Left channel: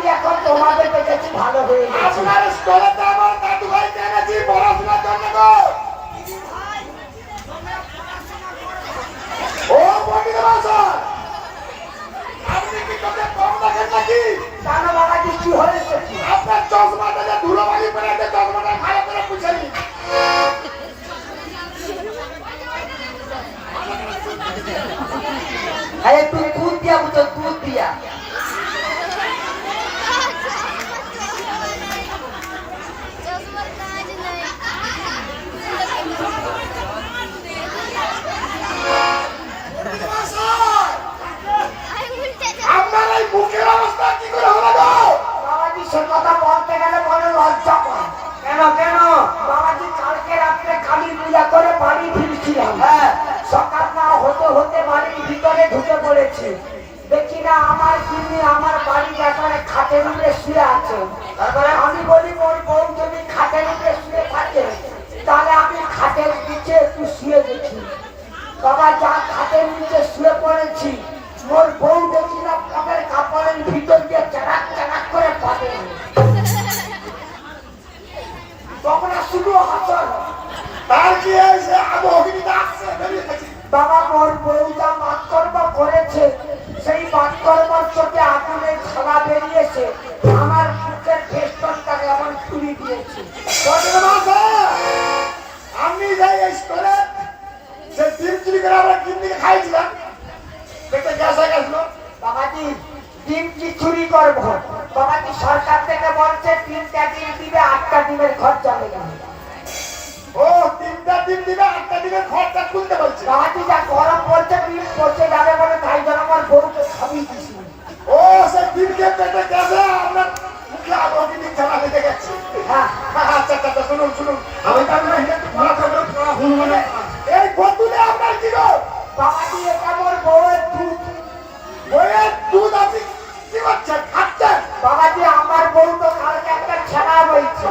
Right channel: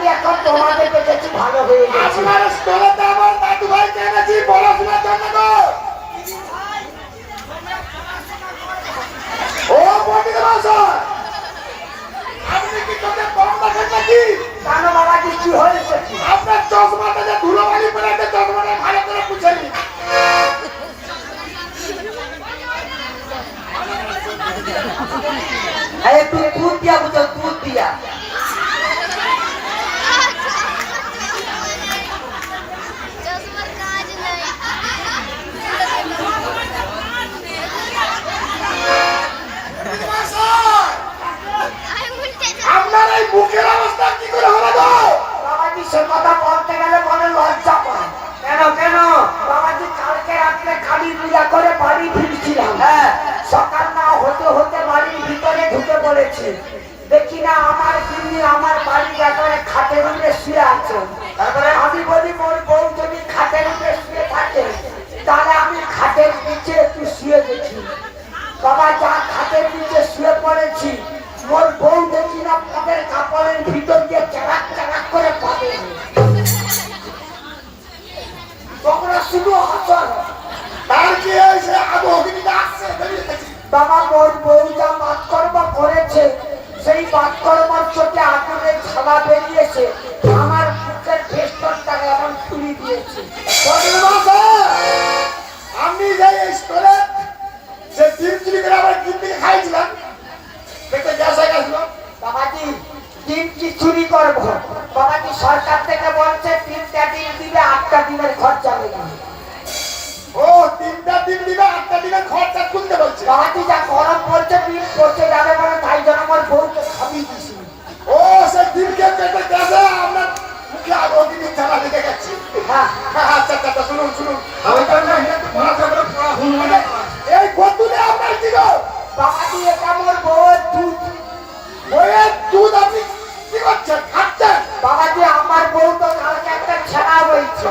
না, এখন তোমাদের দেখেছি ভালো হয়ে গেছে আপনার স্কুলেতে আমার দাদু ভাই জেনেছি পড়াশোনার জন্য গো। ও পণ্ডিত মশাই, আপনি কি চোখে কম দেখেন নাকি? কেন বাবাজি কি হয়েছে আপনার চশমাটা যে ধুলোবালি পরে আছে, চশমাটা ভালো করে পুছে নিন। আরে তুই দুধ দিয়া বুঝো দুধ দিয়া বেরিয়েছে আমার বুকের ভেস্টনটাকে এমন খুলি দিয়েছে। আমি যে স্কুলে যে ডিম চুরি করে আমার কিডনি খাইছিলাম পেটে গ্যাস হয়ে গেছিল। বাবাজি ডিম কি চুরি করব। বাবাজি সরকার থেকে বলছে তিনটা ডিম দিবে আটটা দিনের খরচা নেবে ও তিনটা ডিম দিবে আটটা ডিমের খরচা খুলতে বলছে। বাবাজি যা গরম পড়ছে ডিম পচে যাবে বলে তাই জন্য আমার বউকে খাবিয়ে দিছি ও সে দিনকে কেটে গেছে আপনার মুখে আগে অগ্নি খেলা লেগে গেছি হ্যাঁ হ্যাঁ, আচ্ছা আচ্ছা আচ্ছা, শুনুন শুনুন। শুনুন মানে। এই গতুলে আপনার কি গো বাবাজি এটা আমার বউয়ের দুধ। বইয়ের দুধ আপনি কি করছেন? খাচ্ছেন? বাবাজি আমার বউ তো কালকে একটা ছেনা বইছে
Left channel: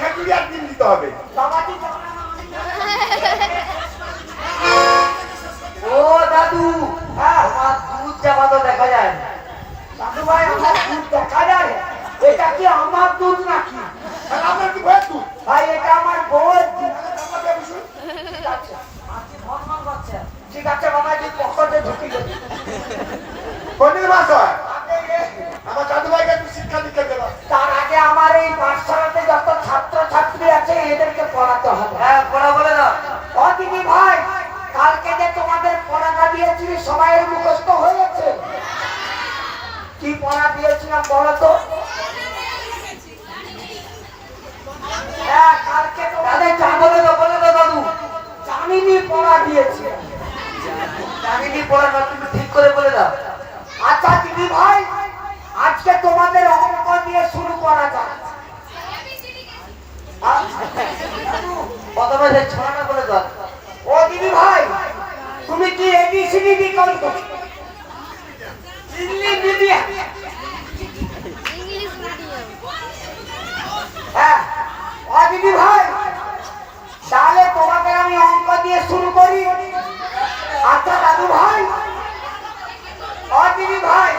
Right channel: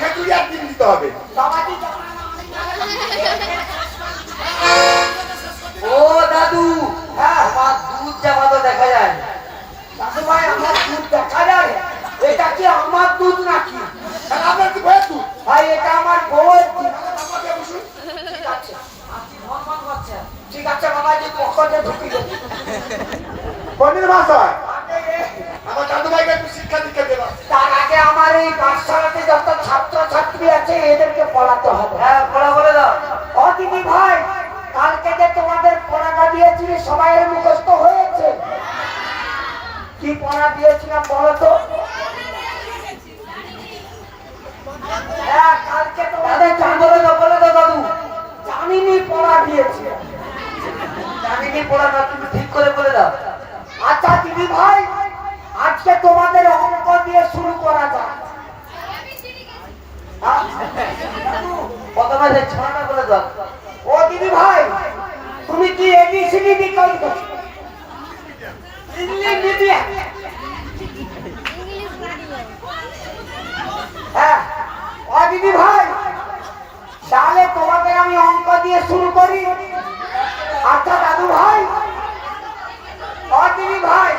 খেজুরি আর দিতে হবে। ও দাদু হ্যাঁ আমার দুধ যাওয়া তো দেখা যায়। দাদু ভাই আমার দুধ দেখা যায়। এটা কি আমার দুধ? বদমাসের ছানাটা করে দাও ও দিদি ভাই তুমি কি এটি সিনিটি কাজ করছ? English medium. হ্যাঁ ও দিদি ভাই তাহলে তোমাকে আমি অঙ্ক দিয়ে শুরু করি। আচ্ছা দাদু ভাই ও দিদি ভাই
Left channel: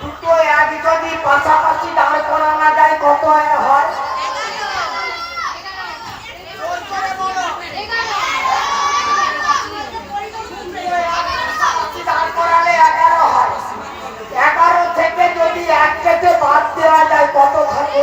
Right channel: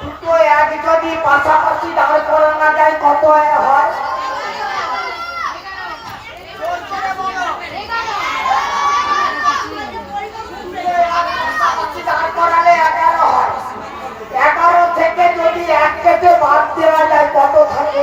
দুটো এক যদি পাশাপাশি দাঁড় করানো যায় কত হয়? যদি একটাকে বাদ দেওয়া যায় কত থাকে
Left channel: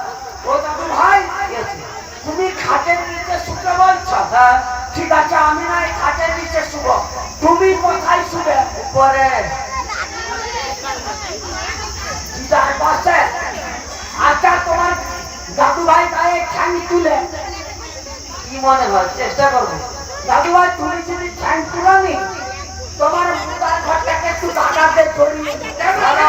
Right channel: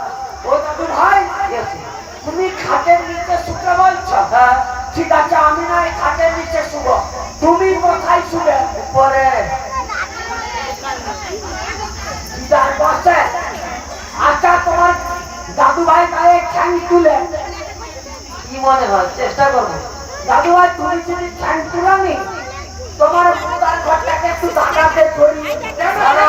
তুমি খাটের নিচে শুকে বলছো? হ্যাঁ ঠিক আছে আমি নাই খাটের নিচে শুব। তুমি কোথায় শুবে? উপরে। আচ্ছা তোমার দাদু ভাই গায়ে ঠ্যাং তুলে। কি মনে হয়? চেষ্টা করব। দাদু ভাই তুমি যদি ঠ্যাং তুলে নি তোমার ঘরটাকে একটু দাদাতে ছড়িয়ে দাদা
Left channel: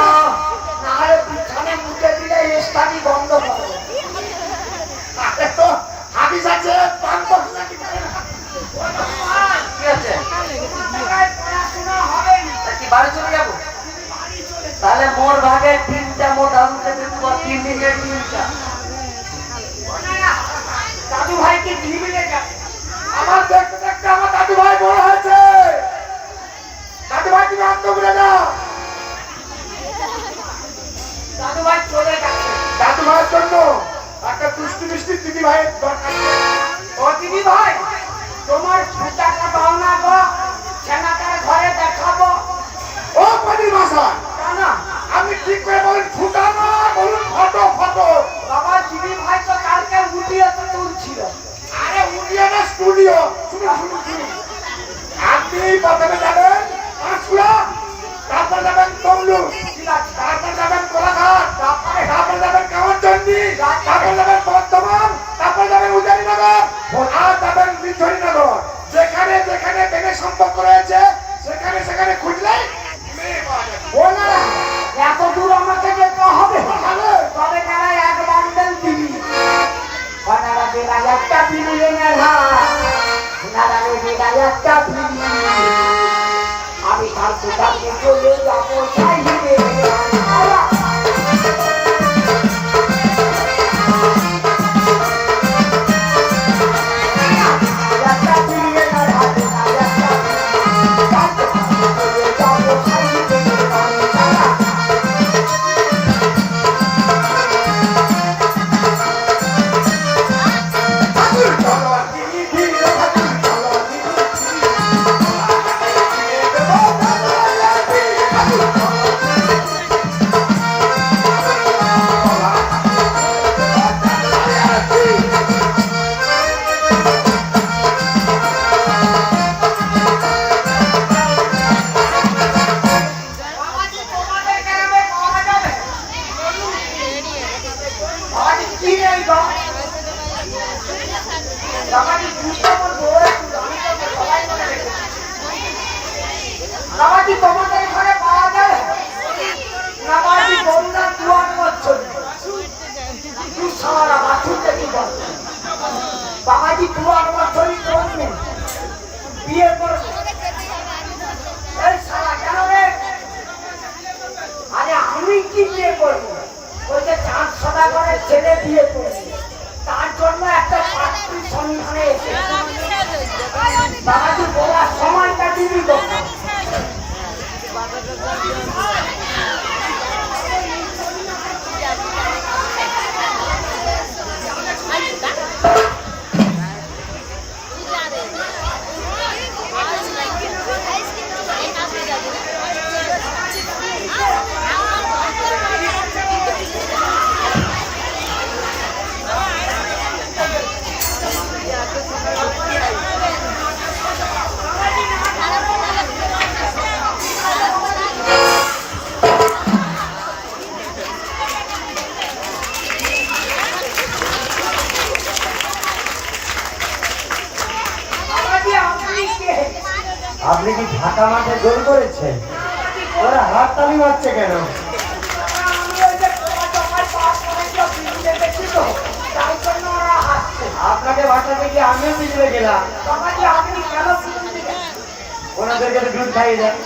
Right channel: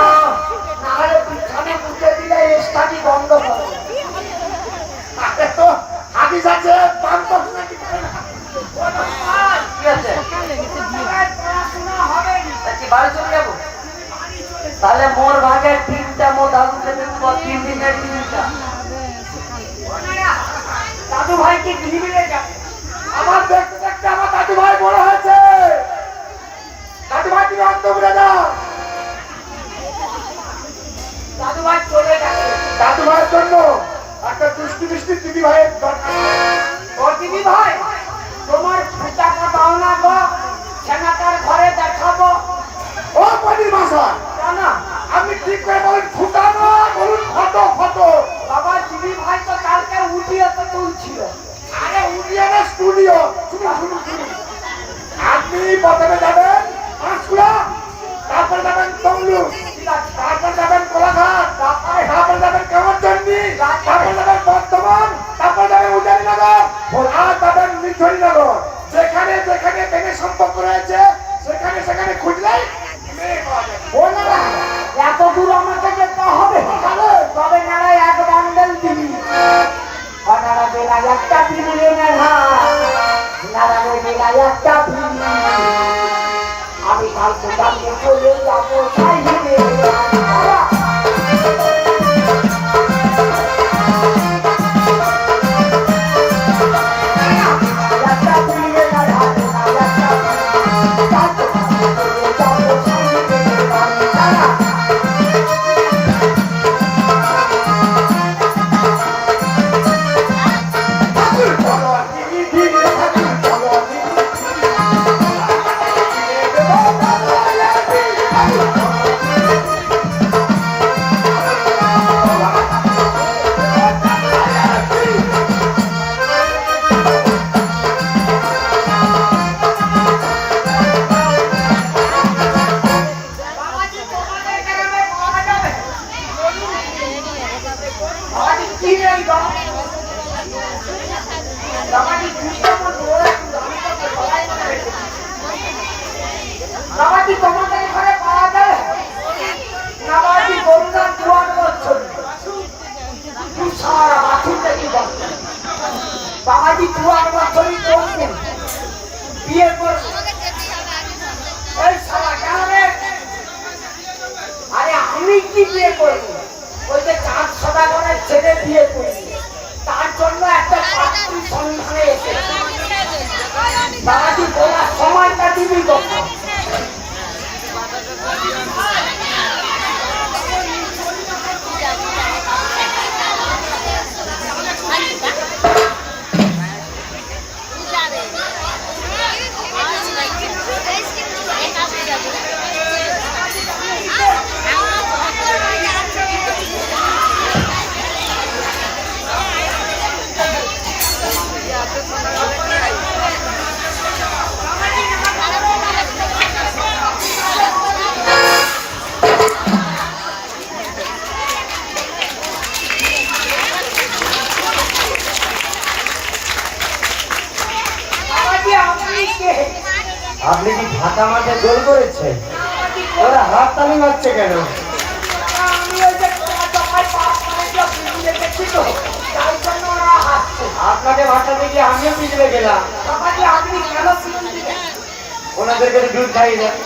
anybody সম্পর্ক রয়েছে বাবাজি তোমাদের ঘরে পাওয়া যায় না বাবাজি বন্যা দোয়ার করছ সারা বাথরুমটা কি বাবাজি দোয়ার মতনই করবেন বিয়ের পর আরে আমি কি বিয়ে করব? লেখাপড়া করে ছেলে বিয়ে করেছে। তার জন্য একটা পাত্রী সন্ধানে এসেছে। বাবাজি বলার সময়টা তিনি কোথাও আপনাকে বাচ্চা থেকে আমিও পিছনে গেলাম। ওনাদেরকে দুধ খাই দেয়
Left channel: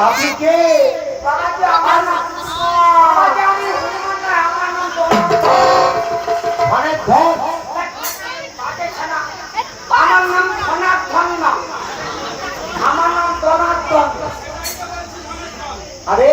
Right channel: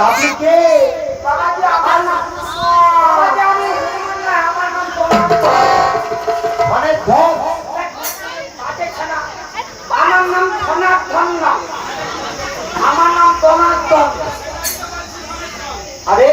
আপনি কে? মানে অনেক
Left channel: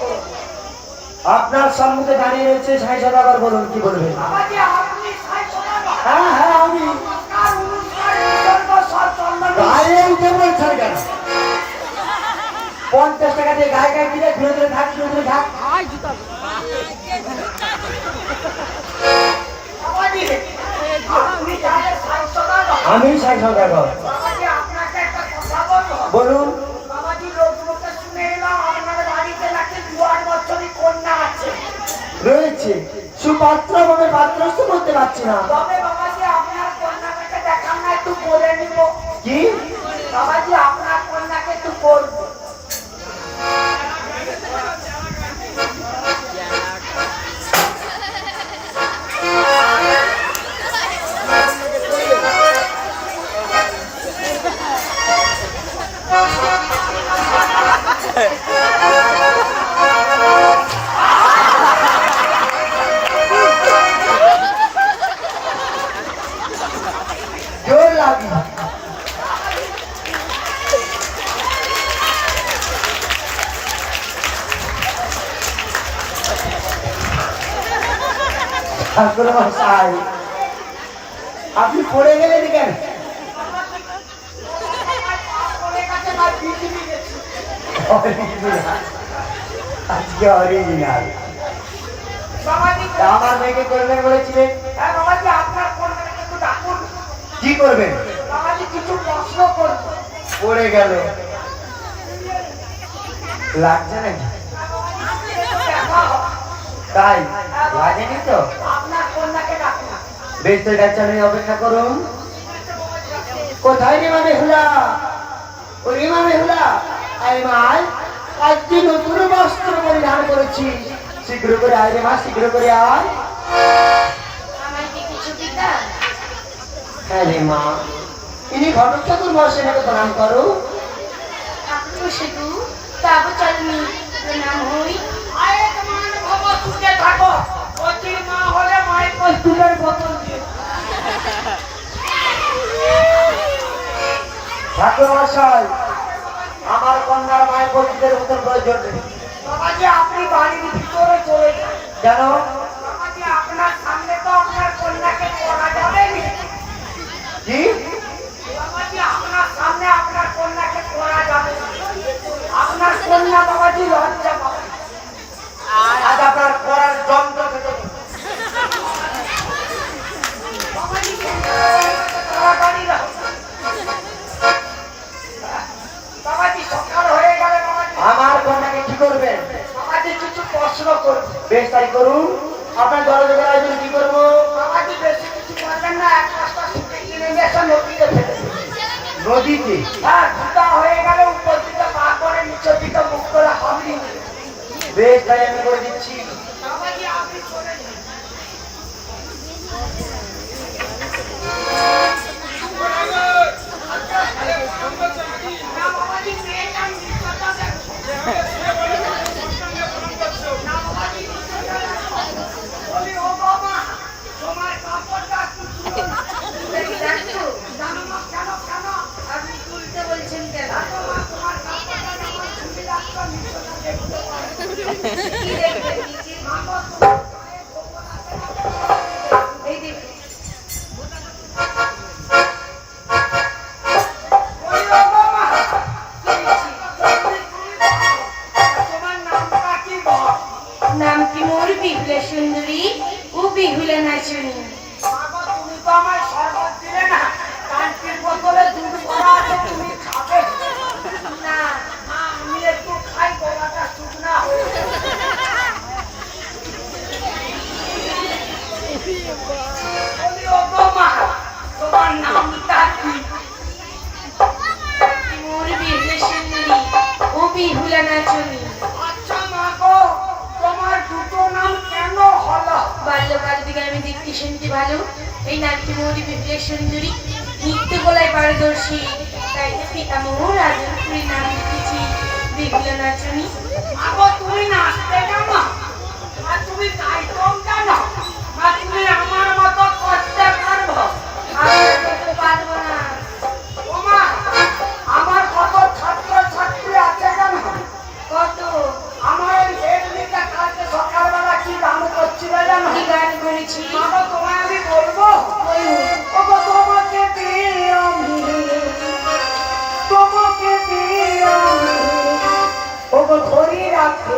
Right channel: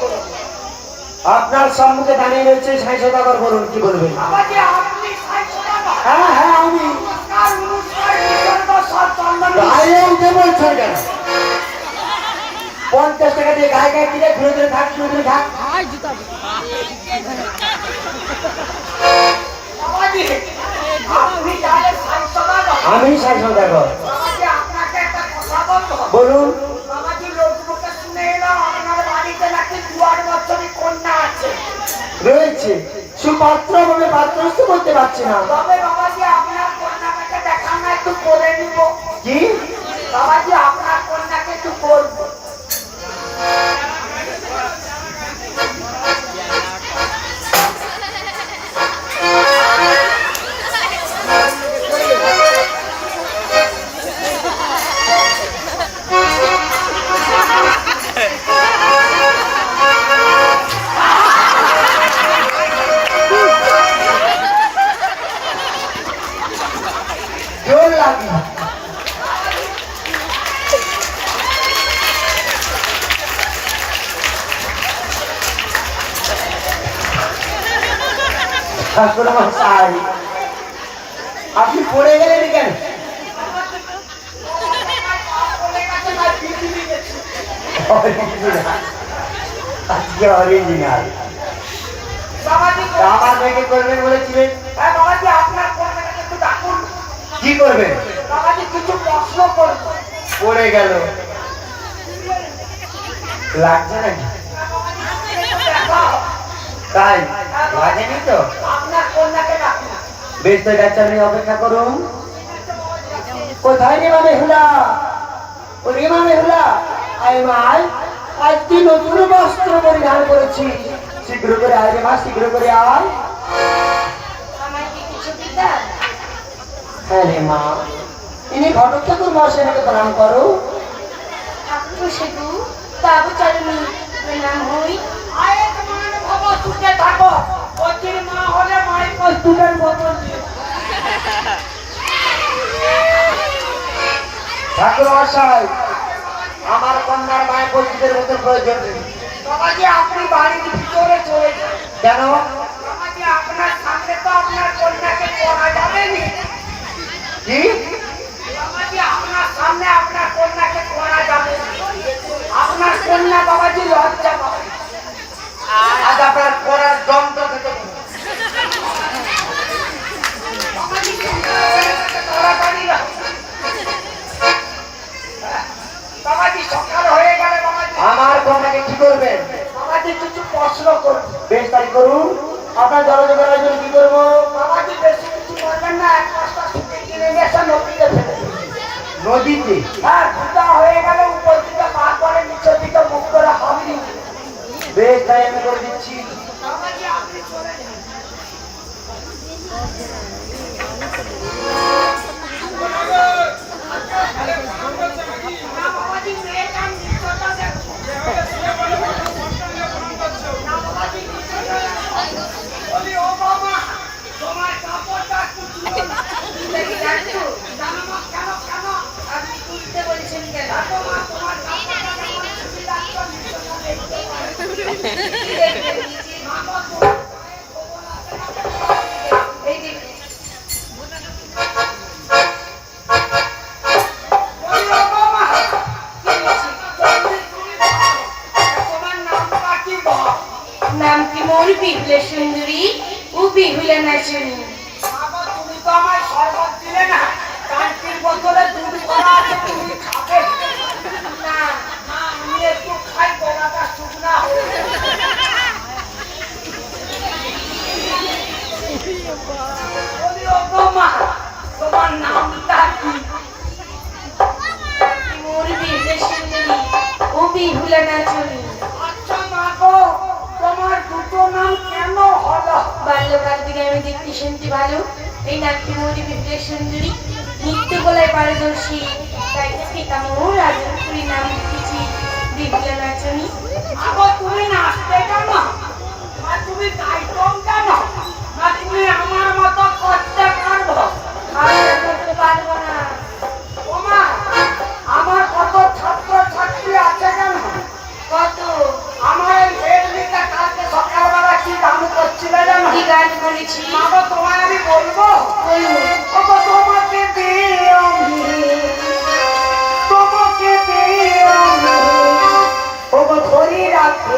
করুন আপনার সম্মুখে দাঁড়িয়ে রয়েছে সাই সদাগর বলুন কি সদাগর। হ্যাঁ হ্যাঁ আমি। গায়ে উঠে বলছেন কেন পঞ্চাশ টাকা দিয়ে গায়ে গায়ে দিলে ঘুরে ঘুরে থাক ঘুরে ঘুরে থাক। আমি সাই সদাগর। বলুন। করতে পারছি না আপনি পড়ে গেলেন কেন? আজকে অরিজিনাল আমার মেয়েকে করবেন বলেছিলেন। কি করবেন? পড়ে গেল। লাগছে নাকি? তাই? লাগেনি তো? বেশ তো যাচ্ছে আমি অপেক্ষা করুন। কোথায় রে মানে হুলা ও রে মানে হুলা আয়। মাই আজকে নতুন বস্ত্র পরিধান করেছি। শীঘ্র করে আয় রে মা শীঘ্র করে আয়। কি হ্যাঁ রে মা। ইনি ঘটক চতুর্মাসে নাকি দান করো। ঠাকুর সেতু বাবু চাইনি নাম হই। আয়ে তোমার সুখে থাকো। অচির মা হলে মায়ের কস্তুলের বোতল দিও ঠাকুর মশাই আমার কন্যার মায়ের পরিচিতের মতন প্রয়োজন নেই। বাবাজি আপনি বাড়ির ভিতরে চলে যান। কেন? বাবাজি আপনার সামনে তো আপনার কন্যাকে পড়া যাবে না। কি? বাবাজি আপনার সামনে আপনার কন্যাকে পড়া যাবে আপনার কন্যা বাবাজি লজ্জা পাবে ও বিহুলে নাচুনি আচ্ছা মা গো, তোমার দুটো নাম কেন হলো? বাল্যকাল থেকে আমি দেখতে শুনতে ভালো এই নামটি মোর বিহুলে সুন্দরী নৃত্য বলায় পারদর্শী। তাই পিতামহ রাজপুরী নাম লিখেছি বিহুলা নাচনী। আগো তুমি নাচতে জানো মা তুমি গাইতেও জানো মা তুমি আমার মতো করতে পারব? আমি করতে পারব না। করেছি। আগো তোমায় আমি বলব? বলব ওগো তোমাকে দিয়ে আমি। তোমাকে দিয়ে আমি। ওগো ধরে রাখতে